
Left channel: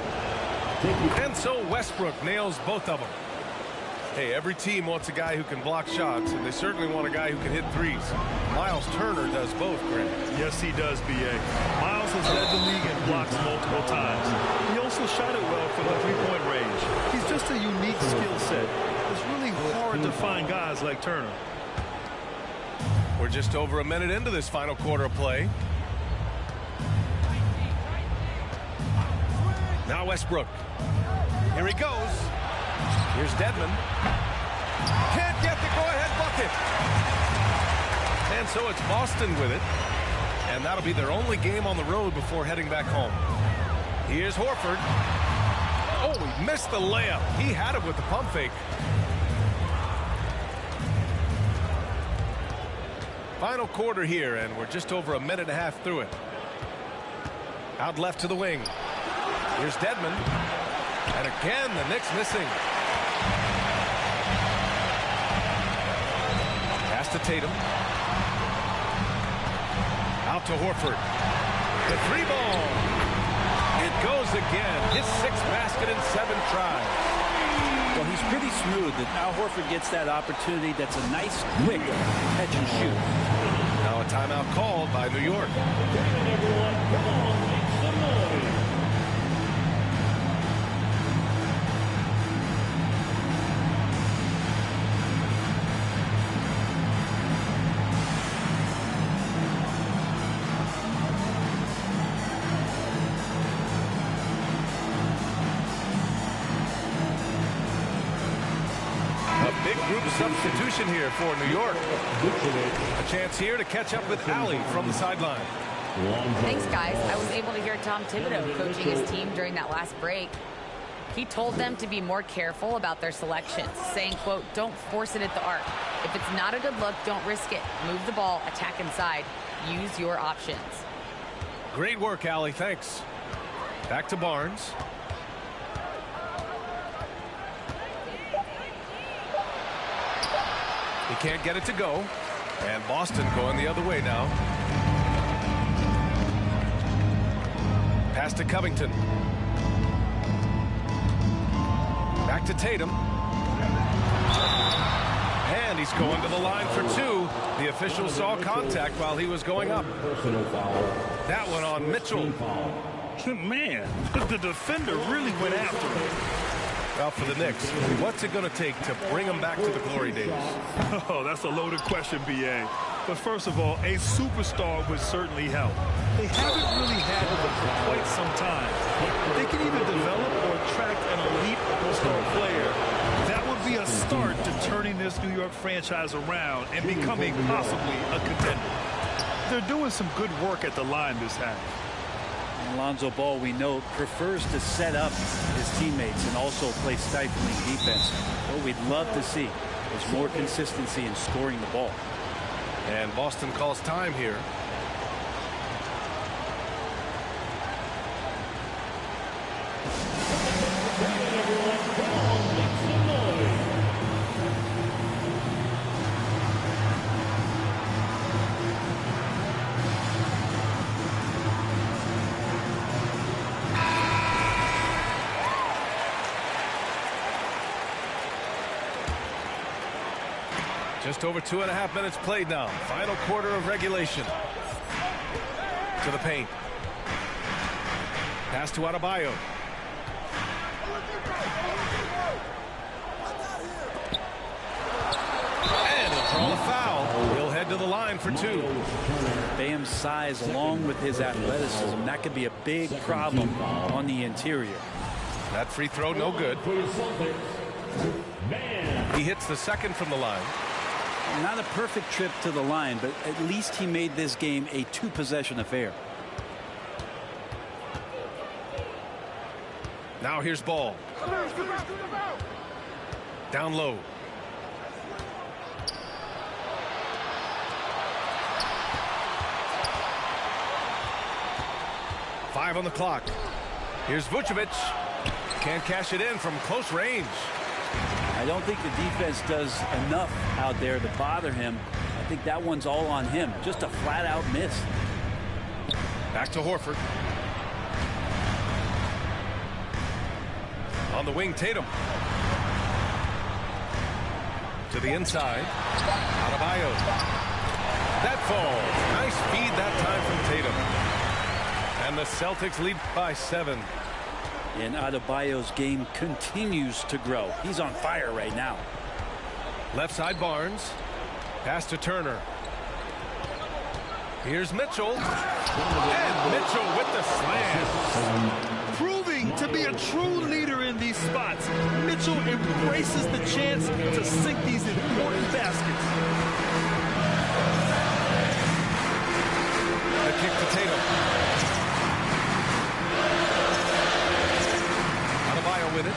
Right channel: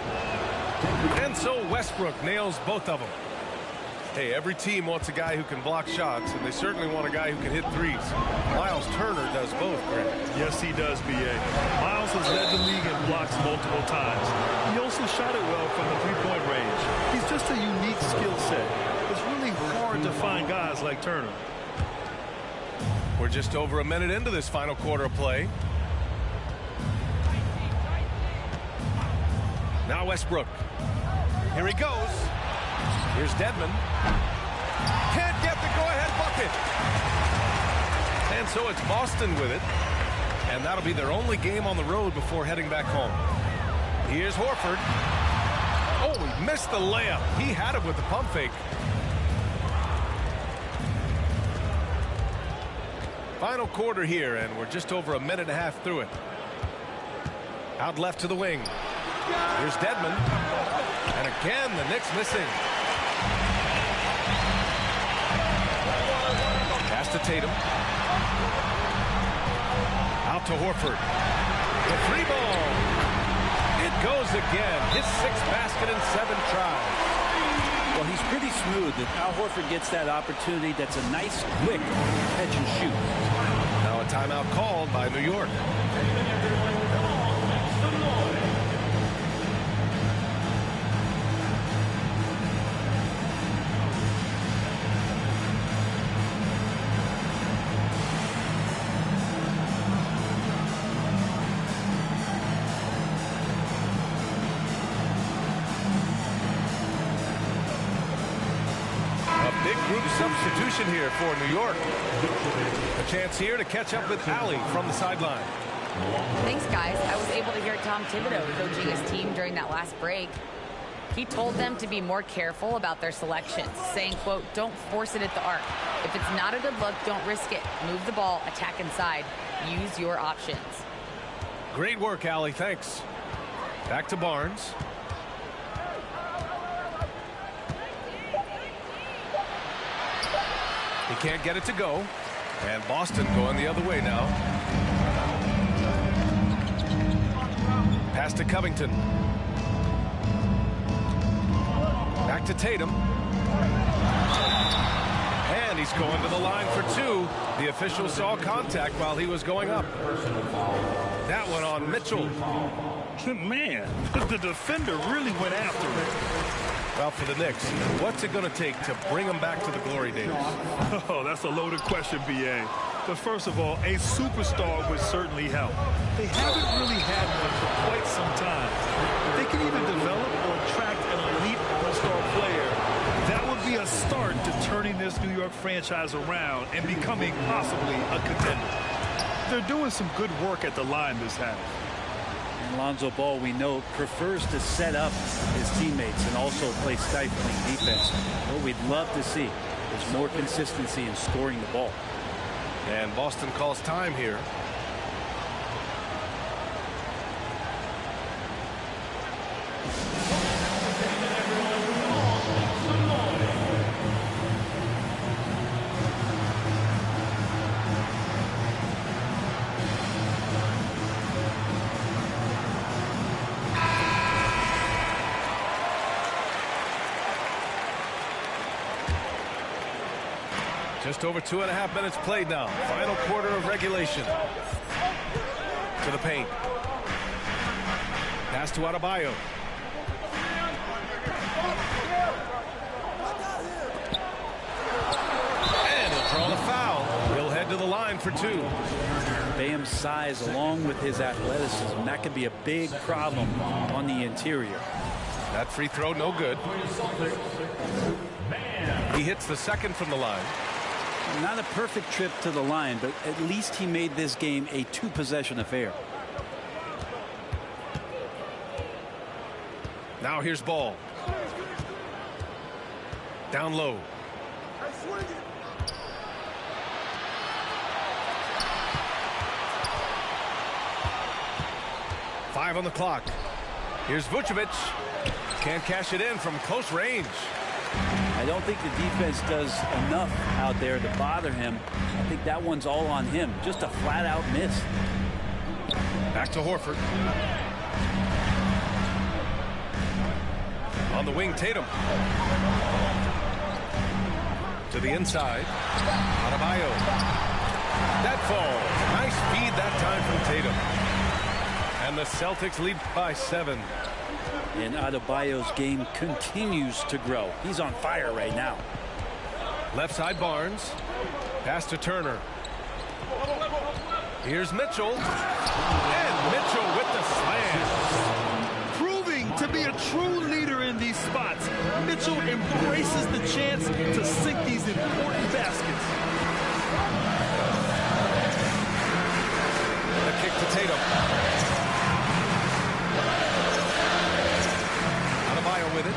And so Westbrook nails both of them. Hey, every team wants a guy who can block shots, and they certainly want a guy who can hit threes. Miles Turner does both, Grant. Yes, he does, B.A. Miles has led the league in blocks multiple times. He also shot it well from the three-point range. He's just a unique skill set. It's really hard to find guys like Turner. We're just over a minute into this final quarter of play. Now Westbrook. Here he goes. Here's Dedmon. Can't get the go-ahead bucket. And so it's Boston with it. And that'll be their only game on the road before heading back home. Here's Horford. Oh, he missed the layup. He had it with the pump fake. Final quarter here, and we're just over a minute and a half through it. Out left to the wing. Here's Dedmon. And again, the Knicks missing. Pass to Tatum. Out to Horford. The three ball. It goes again. His sixth basket in 7 tries. Well, he's pretty smooth. That Al Horford gets that opportunity. That's a nice, quick catch and shoot. Now a timeout called by New York. Big group substitution here for New York. A chance here to catch up with Allie from the sideline. Thanks, guys. I was able to hear Tom Thibodeau coaching his team during that last break. He told them to be more careful about their selections, saying, quote, don't force it at the arc. If it's not a good look, don't risk it. Move the ball, attack inside. Use your options. Great work, Allie. Thanks. Back to Barnes. He can't get it to go. And Boston going the other way now. Pass to Covington. Back to Tatum. And he's going to the line for two. The official saw contact while he was going up. That one on Mitchell. Man, the defender really went after him. Well, for the Knicks, what's it going to take to bring them back to the glory days? Oh, that's a loaded question, B.A. But first of all, a superstar would certainly help. They haven't really had one for quite some time. If they can either develop or attract an elite all-star player, that would be a start to turning this New York franchise around and becoming possibly a contender. They're doing some good work at the line this half. And Lonzo Ball, we know, prefers to set up his teammates and also play stifling defense. What we'd love to see is more consistency in scoring the ball. And Boston calls time here. Just over 2.5 minutes played now. Final quarter of regulation. To the paint. Pass to Adebayo. And he'll draw the foul. He'll head to the line for 2. Bam's size along with his athleticism, that could be a big problem on the interior. That free throw no good. He hits the second from the line. Not a perfect trip to the line, but at least he made this game a 2-possession affair. Now here's Ball. Down low. Five on the clock. Here's Vucevic. Can't cash it in from close range. I don't think the defense does enough out there to bother him. I think that one's all on him. Just a flat-out miss. Back to Horford. On the wing, Tatum. To the inside. Adebayo. That falls. Nice feed that time from Tatum. And the Celtics lead by 7. And Adebayo's game continues to grow. He's on fire right now. Left side Barnes. Pass to Turner. Here's Mitchell. And Mitchell with the slam. Proving to be a true leader in these spots. Mitchell embraces the chance to sink these important baskets. The kick to Tatum. Adebayo with it.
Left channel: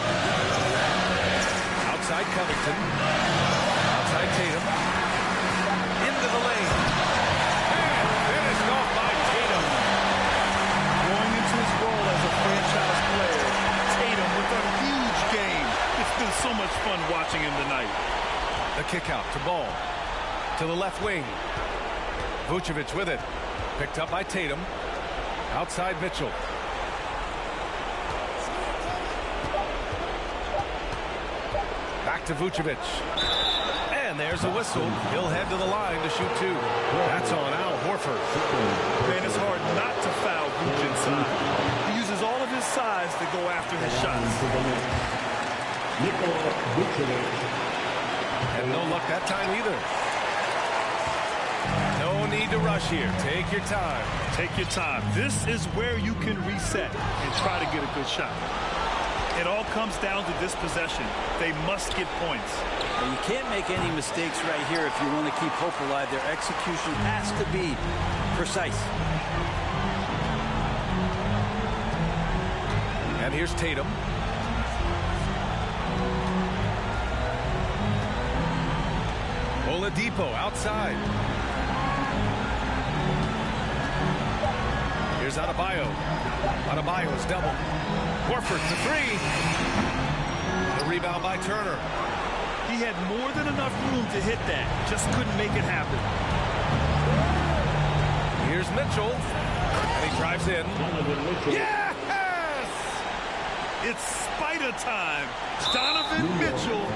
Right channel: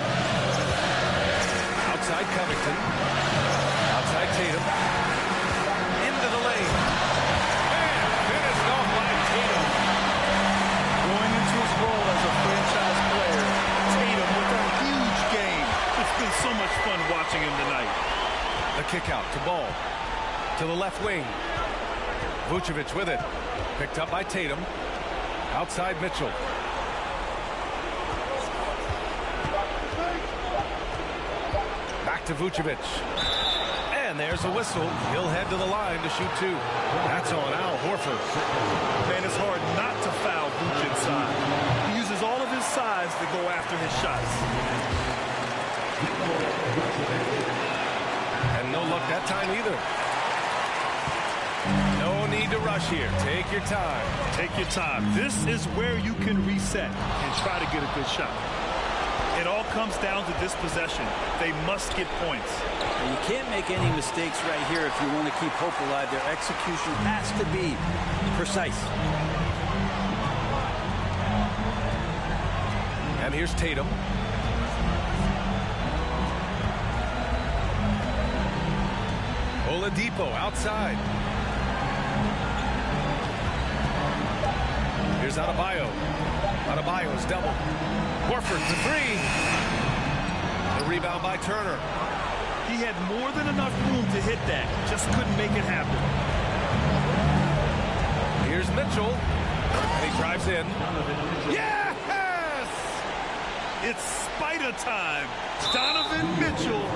Outside Covington. Outside Tatum. Into the lane. And finished off by Tatum. Going into his role as a franchise player, Tatum with a huge game. It's been so much fun watching him tonight. The kick out to Ball. To the left wing. Vucevic with it. Picked up by Tatum. Outside Mitchell. Back to Vucevic. And there's a whistle. He'll head to the line to shoot 2. That's on Al Horford. Man, it's hard not to foul Vooch inside. He uses all of his size to go after his shots. And no luck that time either. No need to rush here. Take your time. Take your time. This is where you can reset and try to get a good shot. It all comes down to this possession. They must get points. And you can't make any mistakes right here if you want to keep hope alive. Their execution has to be precise. And here's Tatum. Oladipo outside. Here's Adebayo. Adebayo's double. Horford for 3. The rebound by Turner. He had more than enough room to hit that. Just couldn't make it happen. Here's Mitchell. And he drives in. Yes! It's Spider time. Donovan Mitchell.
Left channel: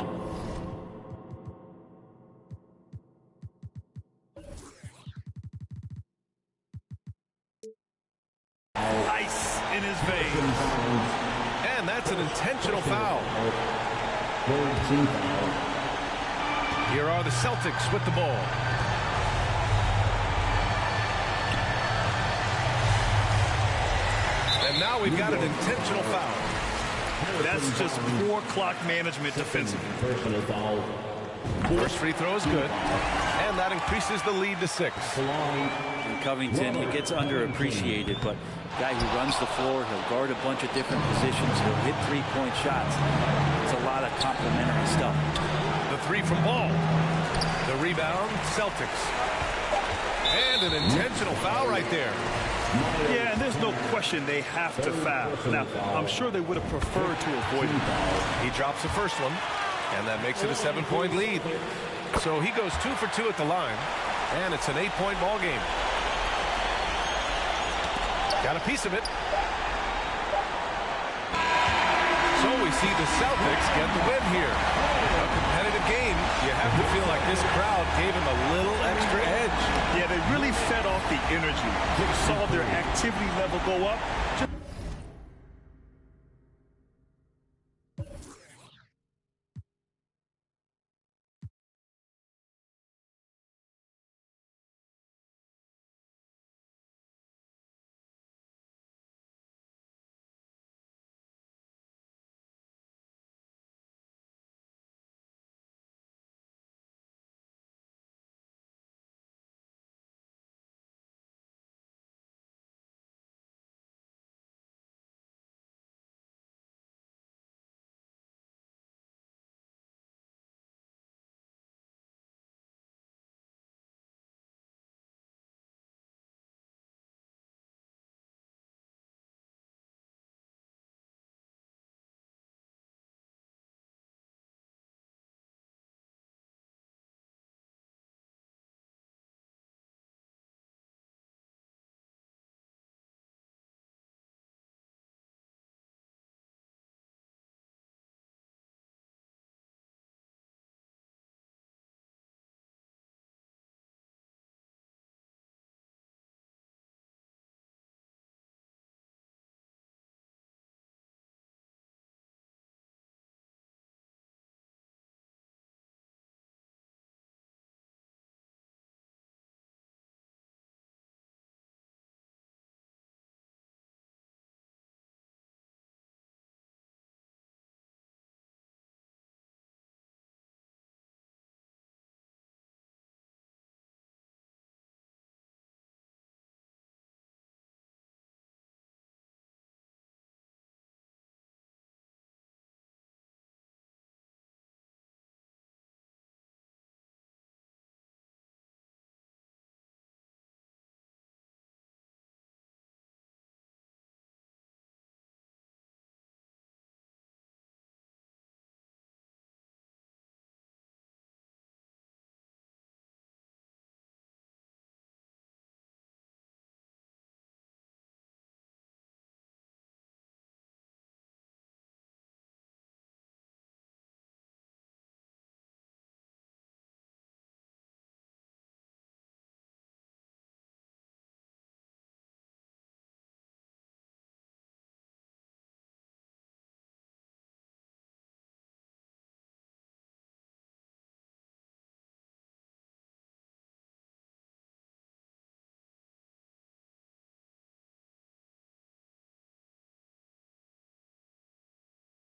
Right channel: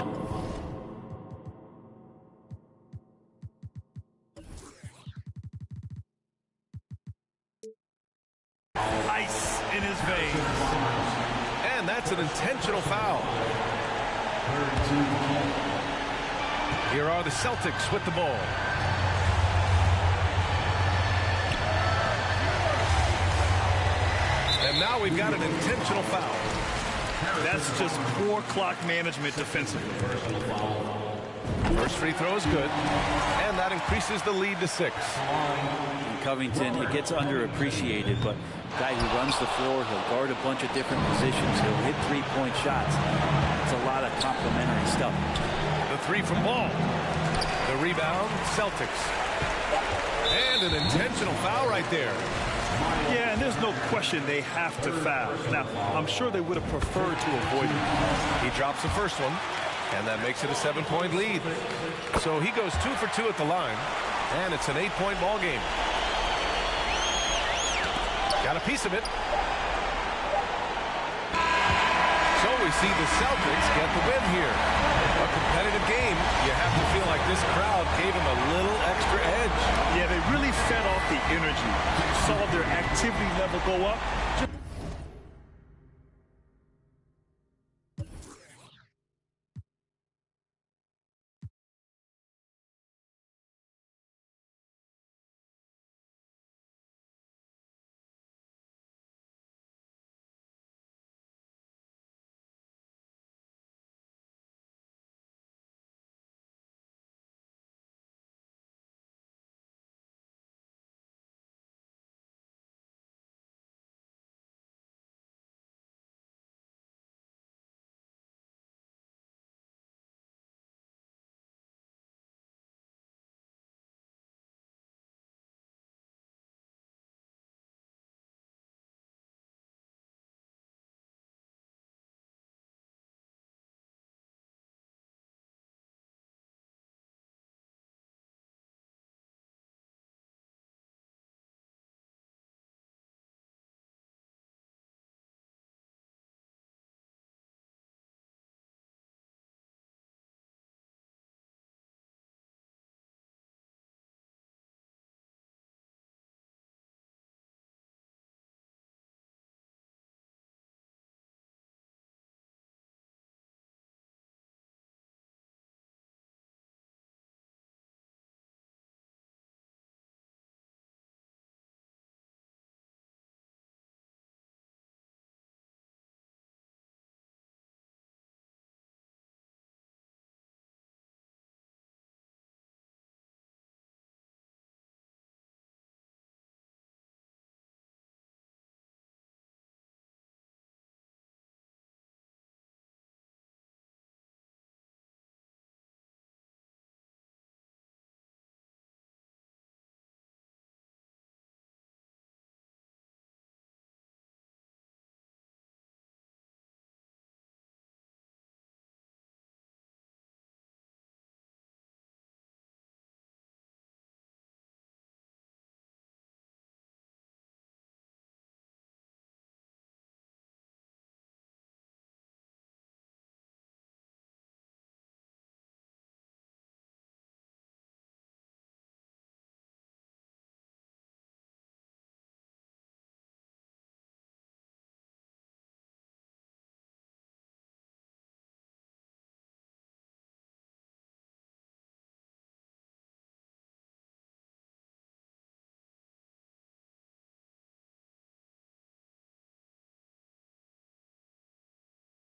Ice in his veins. And that's an intentional foul. Here are the Celtics with the ball. And now we've got an intentional foul. That's just poor clock management defensively. First free throw is good. And that increases the lead to 6. And Covington, it gets underappreciated, but guy who runs the floor, he'll guard a bunch of different positions, he'll hit three-point shots. It's a lot of complimentary stuff. The 3 from Ball. The rebound, Celtics. And an intentional foul right there. Yeah, and there's no question they have to foul. Now, I'm sure they would have preferred to avoid it. He drops the first one, and that makes it a 7-point lead. So he goes 2 for 2 at the line, and it's an 8-point ball game. Got a piece of it. so we see the Celtics get the win here. A competitive game. You have to feel like this crowd gave him a little extra edge. Yeah, they really fed off the energy. You saw their activity level go up.